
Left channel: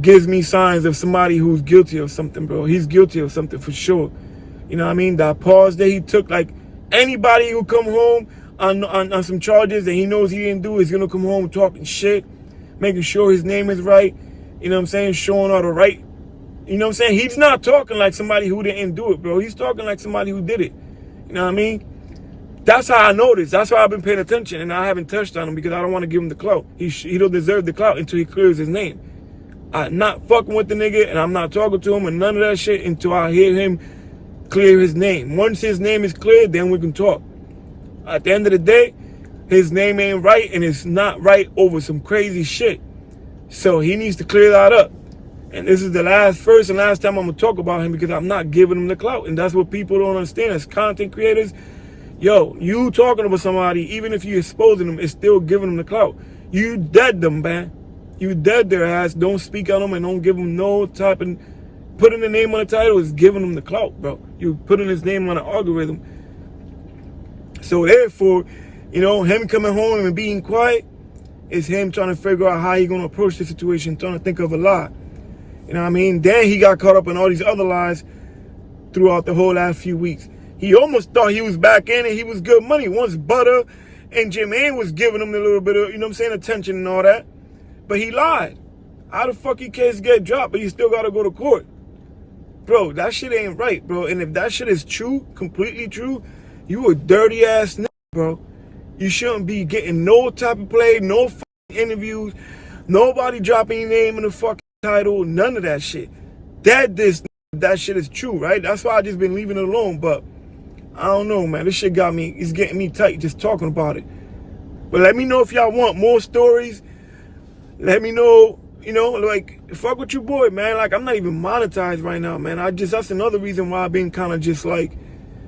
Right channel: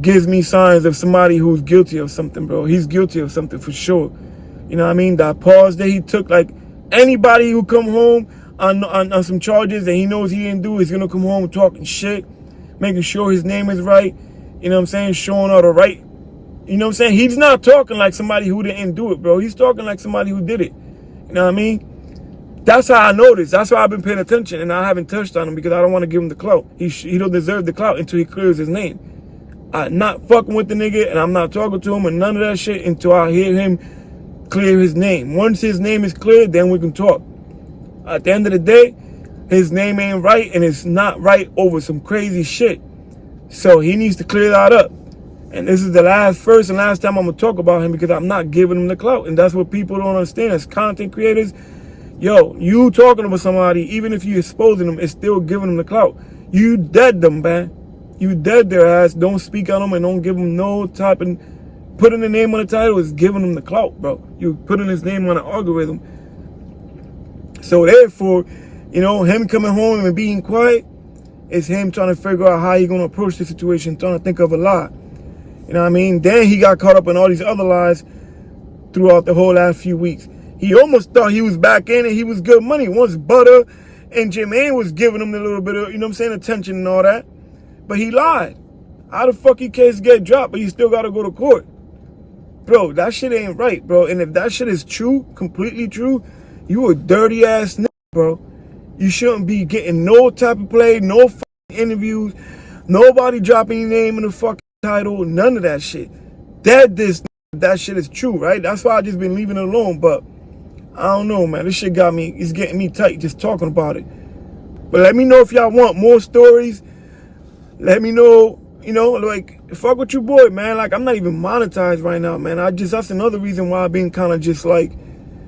gives me signs of somebody who's guilty of something, bro. He's guilty of something for sure. You know what I mean? That pause that he took, like anybody who come home on some charges that he knows he didn't do is gonna come home talking shit, making sure his name is right, you know what I'm saying, showing all the right, you know what I'm saying? He's not talking like somebody who didn't do it, bro. He's talking like somebody who did it. You know what I mean? That's how I noticed. That's why I've been paying attention and I haven't touched on him because I don't want to give him the clout. He don't deserve the clout until he clears his name. I'm not fucking with the nigga and I'm not talking to him and none of that shit until I hear him clear his name. Once his name is cleared, then we can talk. At the end of the day, his name ain't right and it's not right over some crazy shit. So he needs to clear that up. And this is the first and last time I'm going to talk about him because I'm not giving him the clout. And that's what people don't understand as content creators. Yo, you talking about somebody, even if you exposing them, it's still giving them the clout. You dead them, man. You dead their ass. Don't speak on them and don't give them no type of putting the name on the title is giving him the clout, bro. You putting his name on the algorithm. So therefore, you know, him coming home and being quiet is him trying to figure out how he gonna approach the situation, trying to think of a lie. You know what I mean? Then he got caught up in all these other lies throughout the whole last few weeks. He almost thought he was back in and he was good money. Once Butter and Jermaine was giving him a little bit of, you know what I'm saying, attention and all that. But he lied. How the fuck he case get dropped, but he still gotta go to court? Bro, that shit ain't right, bro. And if that shit is true, completely true, you a dirty ass nigga, bro. You shouldn't be getting no type of play, no fucking interviews, nobody dropping your name in the fucking title, none of that shit. That shit is true, right? That's why I just been leaving it alone. But I don't know, man. This shit it's getting me tight just talking about it. But let me know if y'all want more stories. Let me know, you know, like, fuck with your boy, man. Like, I'm not even monetized right now, man. That's another reason why I've been kind of just like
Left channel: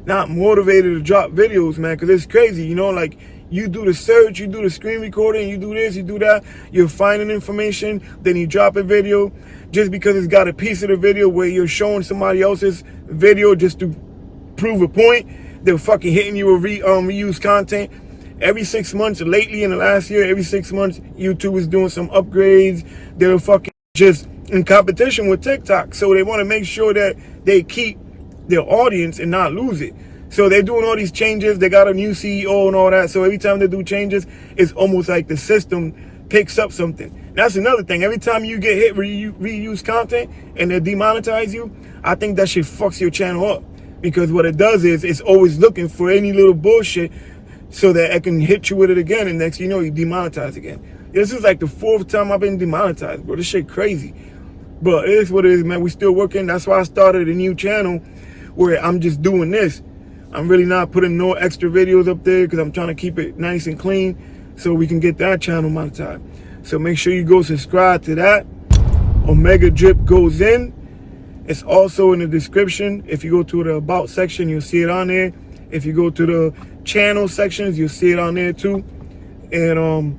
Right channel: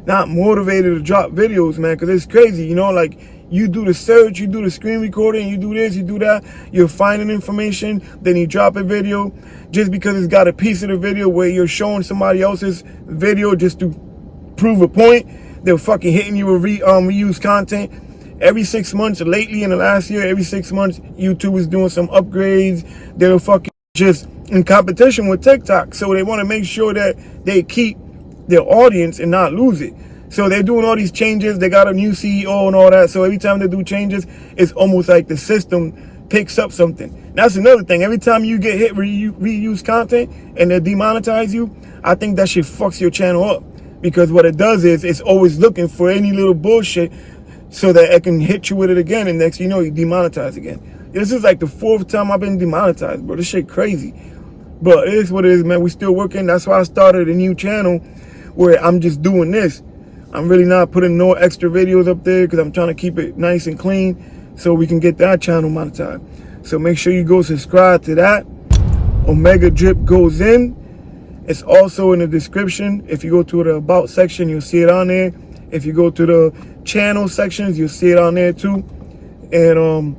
not motivated to drop videos, man, because it's crazy, you know, like, you do the search, you do the screen recording, you do this, you do that, you're finding information, then you drop a video just because it's got a piece of the video where you're showing somebody else's video just to prove a point. They're fucking hitting you with reused content. Every 6 months, lately in the last year, every 6 months, YouTube is doing some upgrades. They're fucking just in competition with TikTok. So they want to make sure that they keep their audience and not lose it. So they're doing all these changes. They got a new CEO and all that. So every time they do changes, it's almost like the system picks up something. That's another thing. Every time you get hit reuse content and they demonetize you, I think that shit fucks your channel up. Because what it does is it's always looking for any little bullshit so that it can hit you with it again. And next you know, you demonetize again. This is like the 4th time I've been demonetized, bro. This shit crazy. But it is what it is, man. We still working. That's why I started a new channel where I'm just doing this. I'm really not putting no extra videos up there because I'm trying to keep it nice and clean so we can get that channel monetized. So make sure you go subscribe to that. Omegadrip goes in. It's also in the description. If you go to the About section, you'll see it on there. If you go to the channel sections, you'll see it on there too. And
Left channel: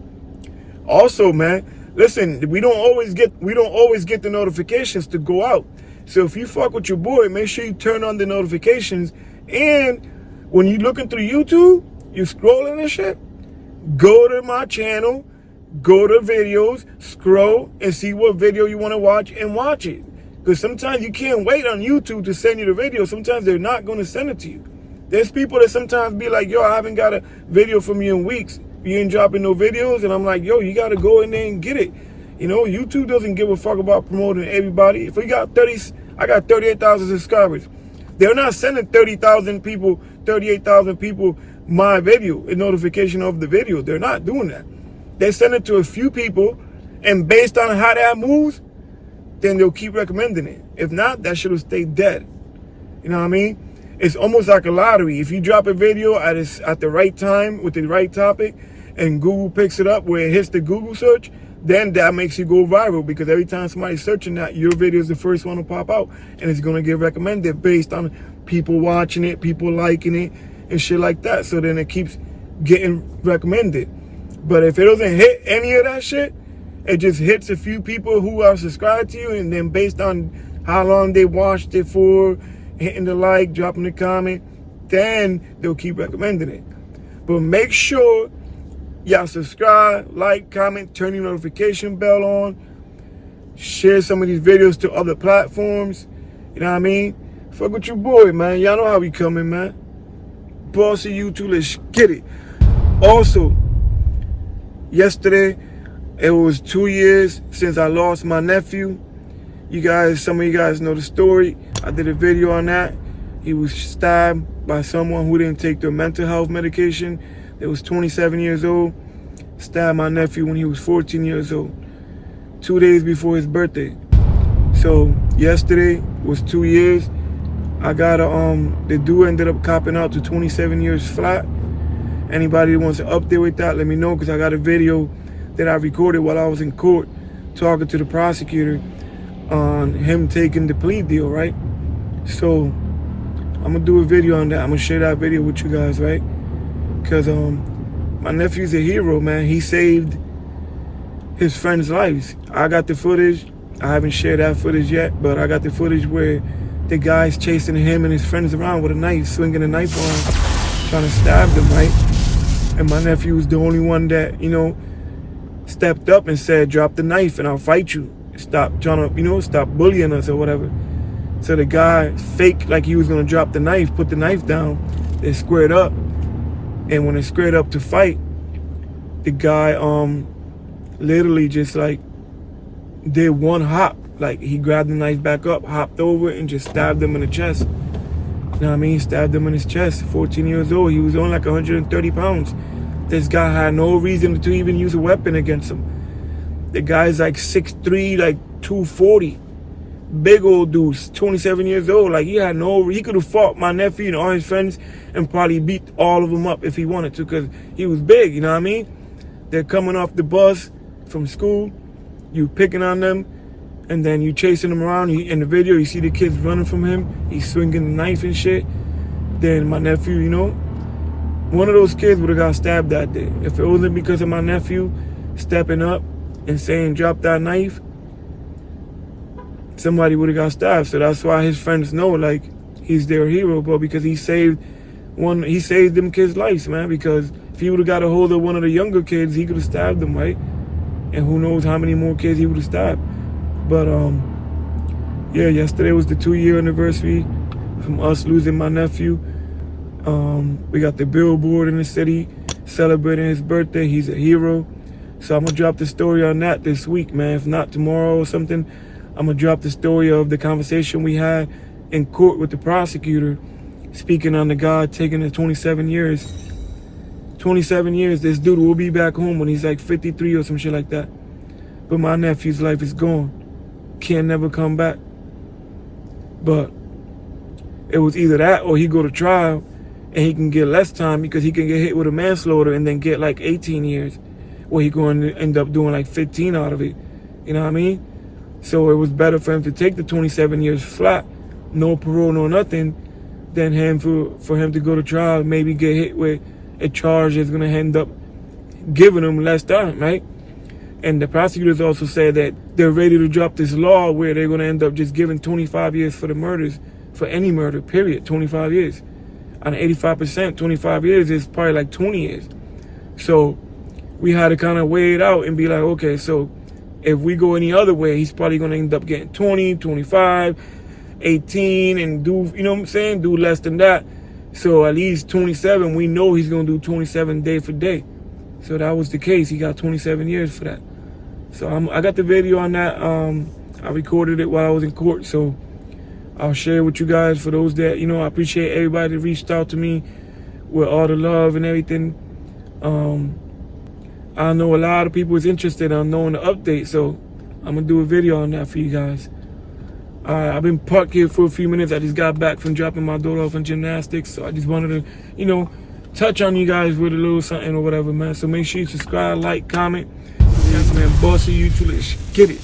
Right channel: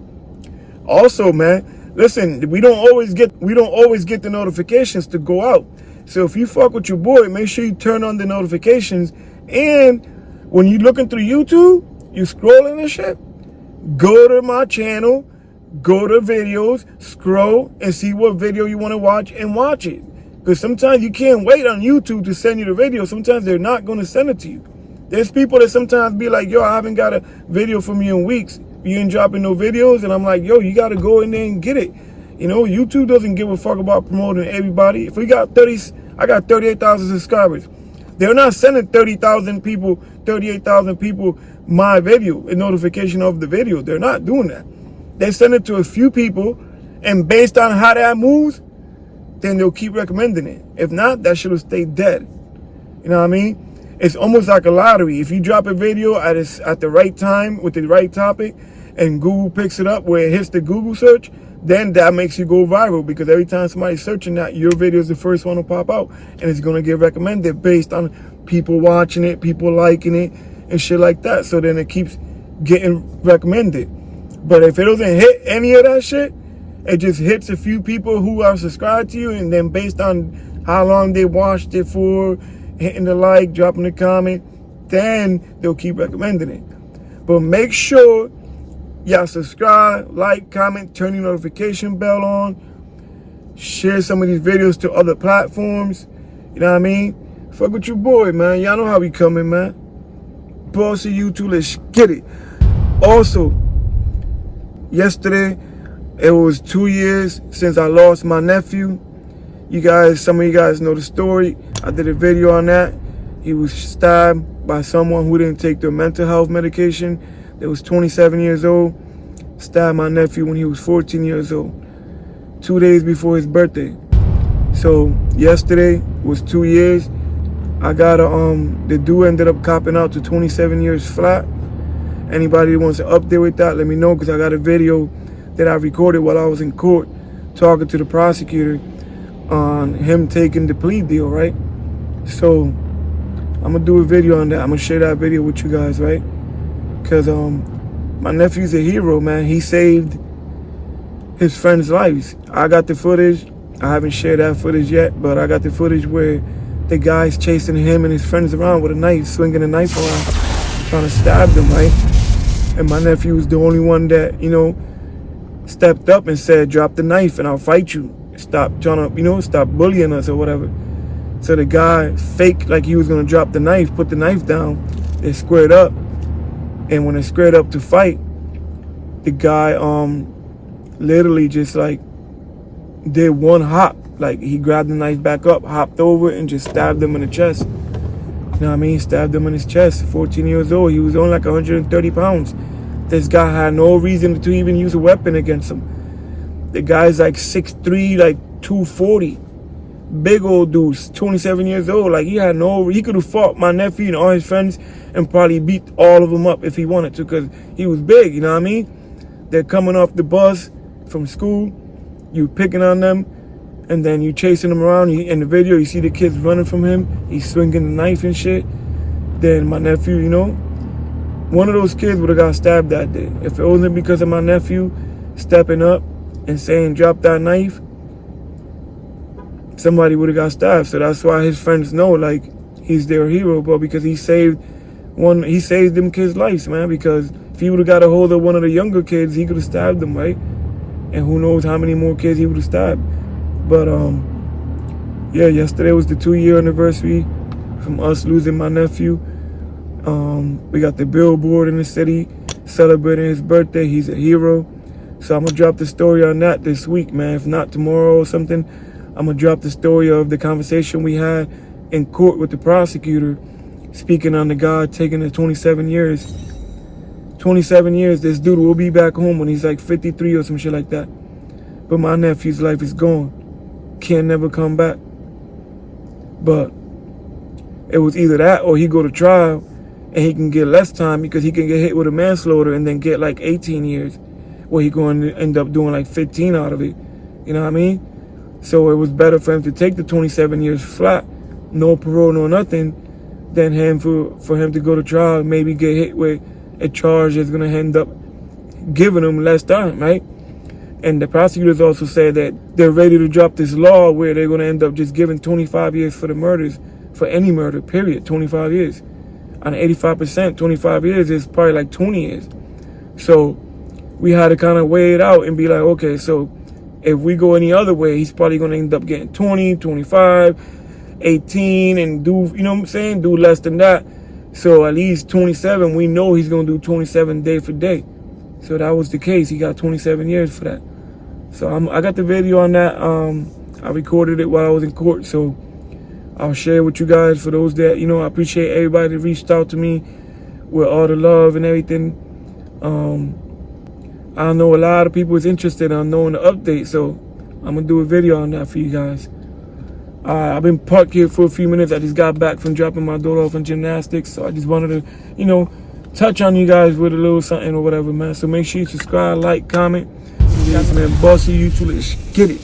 also, man, listen, we don't always get the notifications to go out. So if you fuck with your boy, make sure you turn on the notifications. And when you're looking through YouTube, you scrolling and shit, go to my channel, go to videos, scroll, and see what video you want to watch and watch it. Because sometimes you can't wait on YouTube to send you the video. Sometimes they're not going to send it to you. There's people that sometimes be like, yo, I haven't got a video from you in weeks. You ain't dropping no videos. And I'm like, yo, you got to go in there and get it. You know, YouTube doesn't give a fuck about promoting everybody. If we got I got 38,000 subscribers. They're not sending 38,000 people my video, a notification of the video. They're not doing that. They send it to a few people, and based on how that moves, then they'll keep recommending it. If not, that shit will stay dead. You know what I mean? It's almost like a lottery. If you drop a video at the right time with the right topic, and Google picks it up where it hits the Google search, then that makes you go viral, because every time somebody's searching that, your video is the first one to pop out, and it's going to get recommended based on people watching it, people liking it, and shit like that. So then it keeps getting recommended. But if it doesn't hit any of that shit, it just hits a few people who are subscribed to you, and then based on how long they watched it for, hitting the like, dropping the comment, then they'll keep recommending it. But make sure y'all subscribe, like, comment, turn your notification bell on, share some of these videos to other platforms. You know what I mean? Fuck with your boy, man. Y'all know how we coming, man. Bossy YouTube, let's get it. Also, yesterday, it was 2 years since I lost my nephew. Some of you guys know the story. I did a video on that. He was stabbed by someone who didn't take their mental health medication. That was 27 years old. Stabbed my nephew when he was 14 years old. 2 days before his birthday. So yesterday was 2 years. I got the dude ended up copping out to 27 years flat. Anybody that wants to update with that, let me know, because I got a video that I recorded while I was in court talking to the prosecutor on him taking the plea deal, right? So I'm gonna do a video on that. I'm gonna share that video with you guys, right? Because my nephew's a hero, man. He saved his friends' lives. I got the footage. I haven't shared that footage yet, but I got the footage where the guy's chasing him and his friends around with a knife, swinging a knife around, trying to stab them, right? And my nephew was the only one that, stepped up and said, drop the knife and I'll fight you. Stop trying to, stop bullying us or whatever. So the guy faked like he was gonna drop the knife, put the knife down, they squared up. And when they squared up to fight, the guy literally just like did one hop. Like he grabbed the knife back up, hopped over and just stabbed him in the chest. You know what I mean? Stabbed him in his chest, 14 years old. He was only like 130 pounds. This guy had no reason to even use a weapon against him. The guy's like 6'3", like 240. Big old dude, 27 years old. Like he could have fought my nephew and all his friends and probably beat all of them up if he wanted to, because he was big, you know what I mean? They're coming off the bus from school, you picking on them, and then you chasing them around. In the video, you see the kids running from him. He's swinging the knife and shit. Then my nephew, one of those kids would have got stabbed that day. If it wasn't because of my nephew stepping up and saying, drop that knife, somebody would have got stabbed. So that's why his friends know, like, he's their hero, bro, because he saved them kids' lives, man. Because if he would have got a hold of one of the younger kids, he could have stabbed them, right? And who knows how many more kids he would have stabbed. But yeah, yesterday was the 2-year anniversary from us losing my nephew. We got the billboard in the city celebrating his birthday. He's a hero. So I'm gonna drop the story on that this week, man. If not tomorrow or something, I'm gonna drop the story of the conversation we had in court with the prosecutor, speaking on the guy taking the 27 years. 27 years, this dude will be back home when he's like 53 or some shit like that. But my nephew's life is gone. Can't never come back. But it was either that or he go to trial and he can get less time because he can get hit with a manslaughter and then get like 18 years. Or he going to end up doing like 15 out of it. You know what I mean? So it was better for him to take the 27 years flat, no parole, no nothing, than for him to go to trial, maybe get hit with a charge that's going to end up giving him less time, right? And the prosecutors also said that they're ready to drop this law where they're going to end up just giving 25 years for the murders, for any murder, period, 25 years. On 85%, 25 years is probably like 20 years. So we had to kind of weigh it out and be like, okay, so if we go any other way, he's probably going to end up getting 20, 25, 18, and do, you know what I'm saying, do less than that. So at least 27, we know he's going to do 27 day for day. So that was the case. He got 27 years for that. So I got the video on that. I recorded it while I was in court. So I'll share it with you guys. For those that, I appreciate everybody that reached out to me with all the love and everything. I know a lot of people is interested in knowing the update. So I'm going to do a video on that for you guys. I've been parked here for a few minutes. I just got back from dropping my daughter off in gymnastics. So I just wanted to, touch on you guys with a little something or whatever, man. So make sure you subscribe, like, comment. Yes, man, boss of you too. Let's get it.